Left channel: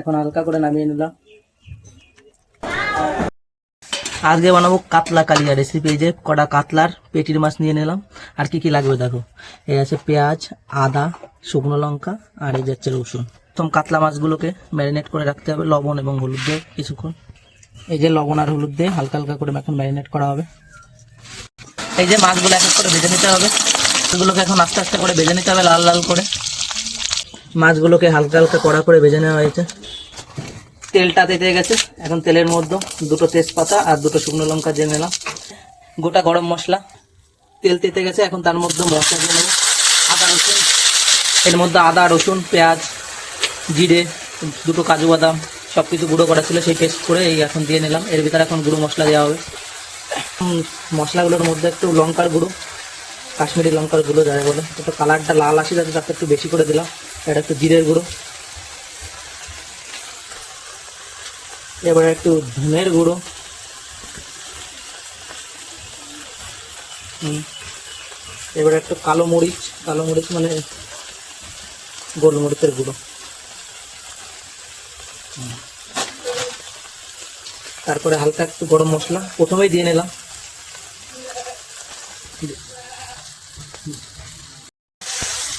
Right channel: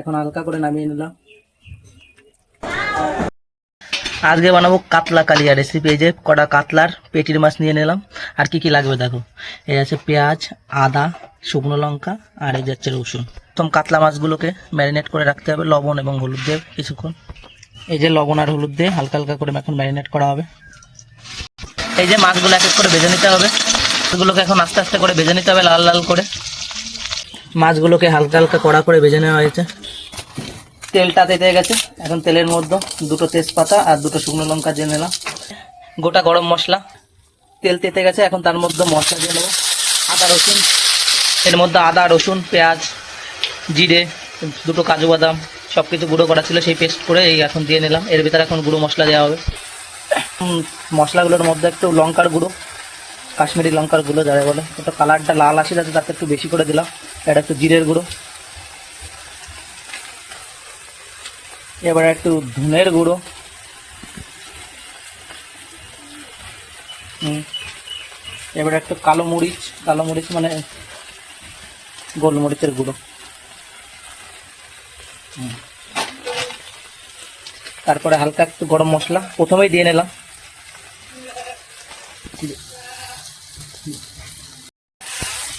এখন হালকা করে নামিয়ে নিলাম। আজকে বানাবো কাতলা কালিয়া রেসিপি এই যে কটা কাতলার পেটির মাছ নিয়ে নিলাম। আর কি কি লাগবে দেখো? এই আছে পেঁয়াজ, আদা, শুকনো লঙ্কা, আর এই যাচ্ছে রসুন। প্রথম কাতলা মাছগুলোকে ম্যারিনেট করে রাখতে হবে, লবণ এবং হলুদ দিয়ে কিছুক্ষণ। এই যে লবণ আর হলুদ দিয়ে হালকা হালকা করে এখন ম্যারিনেট করা হবে। এই যে মাছগুলো এক এক করে ভেজে নিতে হবে। এগুলোকে এখন আস্তে আস্তে করে ভেজে নিতে হবে লাল লাল করে। মাছগুলোকে হালকা হালকা কড়া করে ভেজে নেওয়া হয়েছে। তেলটা তেতে গেছে। এখন তেলের মধ্যে দুটো তেজপাতা আর দুটো শুকনো লঙ্কা দিয়ে নিলাম। গোটা গরম মশলা। তেল তেতে গেছে, এখন তার মধ্যে মশলা দিয়ে নেব আদা, রসুন। এর মধ্যে আদা, রসুন, পেঁয়াজ, জিরে, দুটো কাজু বাদাম সব কিছু গুঁড়ো করা ছিল, সেই পেস্ট করে এই এখন দিয়ে নিলাম। এর ভিতরে এখন গুঁড়ো মশলা দেওয়া হবে। মশলাগুলোর মধ্যে একটু লঙ্কার গুঁড়ো, কাশ্মীরি লঙ্কার গুঁড়ো যাবে বলে। ওটা কালারটা লাল আসে যাতে তাতে একটু বেশি করে দিলাম। এটা একটু জিরের গুঁড়ো। এবার একটু ধনের গুঁড়ো। এবার একটু কালো মরিচ কালো মরিচ মানে গোলমরিচের গুঁড়ো। তারপরে হালকা একটু গরম মশলা, প্রথমেই দিয়ে নিলাম।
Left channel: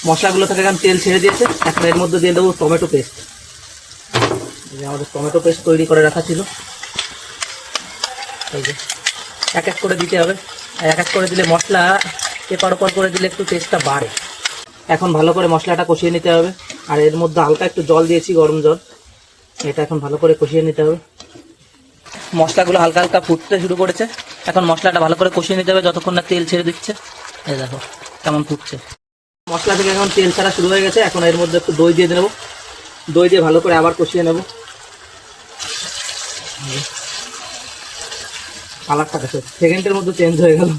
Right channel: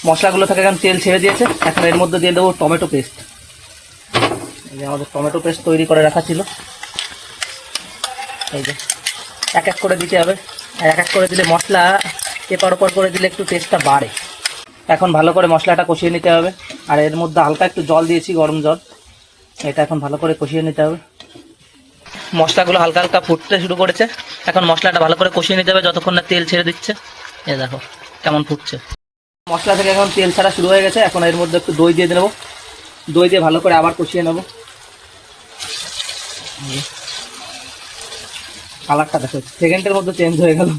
মশলাগুলো থেকে এখন তেল ছেড়ে দিয়েছে, এখন এর মধ্যে দিয়ে দেবো টমেটো পেস্ট। এই যে আমাদের টমেটো পেস্ট তৈরি করে রাখা ছিল। এই যে, এক এক করে দিতে হবে। আর এক এক করে দিলে মশলা এপার ওপর করে দিলে একটু টেস্টটা বাড়ে। এখন ভালো করে মশলাটা কষিয়ে নিতে হবে। আর এর মধ্যে হালকা একটু জল দিয়েছি, গরম জল। এটা এখন ভালো করে কষিয়ে নিতে হবে। মশলাগুলো হালকা হালকা ফুটতে শুরু করেছে। এখন মশলাটা ভালো করে কষিয়ে নিতে হবে, যতক্ষণ না তেল ছেড়ে দিচ্ছে। এ দেখো, কেমন ফুটছে। মশলা থেকে এখন তেল ছাড়া শুরু হয়ে গেছে। এখন এর মধ্যে একটু দই দিয়ে নেব দই দিয়ে ভালো করে আবার কষিয়ে নেব। কালারটা দেখো, সেকেন্ডের মধ্যে চেঞ্জ হয়ে গেল।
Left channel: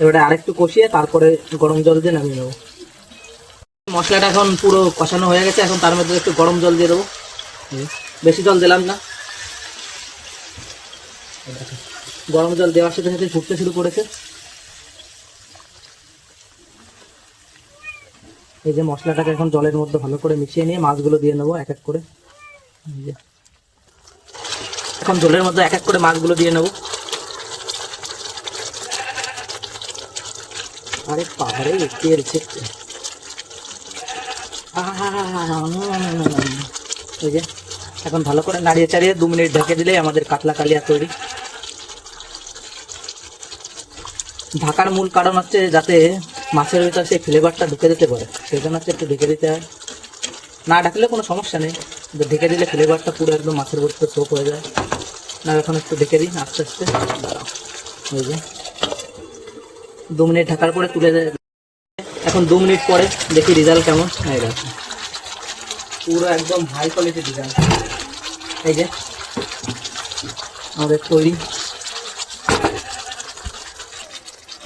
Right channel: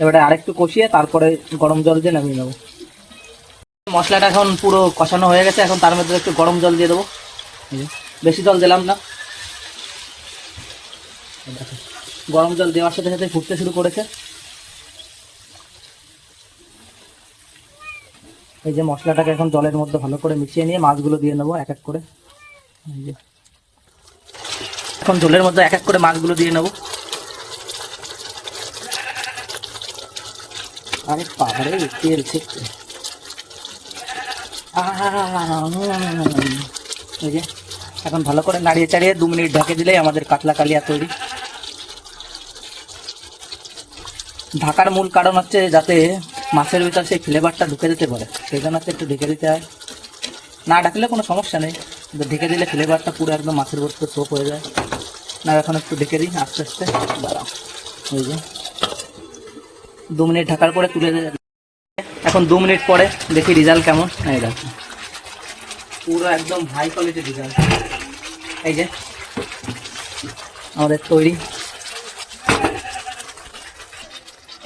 এবারে আরেকটু কষিয়ে তারপরে গরম জল দিয়ে নামিয়ে নেব। মশলাটা এখন পুরো কষানো হয়ে গেছে, এখন তার মধ্যে একটু গরম জল দিয়ে দেবো। বেশি জল দিলাম না। গরম জল দেওয়ার সাথে সাথে ফুটতে শুরু করেছে। এই যে মশলাটাকে এখন জলের মধ্যে ভালো করে মিশিয়ে নিয়ে মাছগুলো দিয়ে নেব এক এক করে। এখন জলের মধ্যে এক এক করে মাছগুলো দিয়ে নেব। আরে পাহাড়ে ছিটছে এই যে, এখন ভালো করে নাড়িয়ে চাড়িয়ে দু মিনিট ঢেকে দিলেই আমাদের কাতলা কালিয়া তৈরি। ঢাকার মূল কারণ হচ্ছে যাতে মাছের ওইটা সেই ফ্লেভারটা ঢুকে দিতে পারে, সেই জন্য একটু ঢেকে দিতে হয়। না ডাকলে কোনো সমস্যা নেই ঢেকে দিলে ফ্লেভারটা পুরো একদম মাছের ভর্তি সোপ হয়ে যায়। না, এখন একটু ঢেকে দিই, আস্তে আস্তে। এই দু মিনিট ঢাকার পরে তুলে এখন দু মিনিট পরে দেখি রেজাল্ট কেমন। এই দেখো। পুরো একদম হাই কোয়ালিটির রেজাল্ট এই যে। আমাদের তৈরি।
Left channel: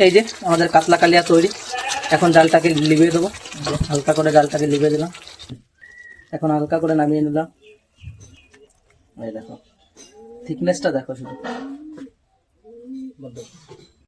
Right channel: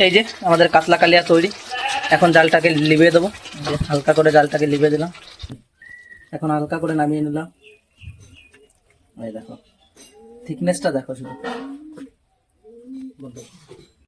এই যে, আমাদের কাতলা কালিয়া তৈরি। এখন জালটাকে লিবিয়ে দেবো। হালকা করে জালটাকে লিবিয়ে দিলাম। এখন হালকা করে নামিয়ে নিলাম। দেখো থিকনেসটা দেখো শুধু।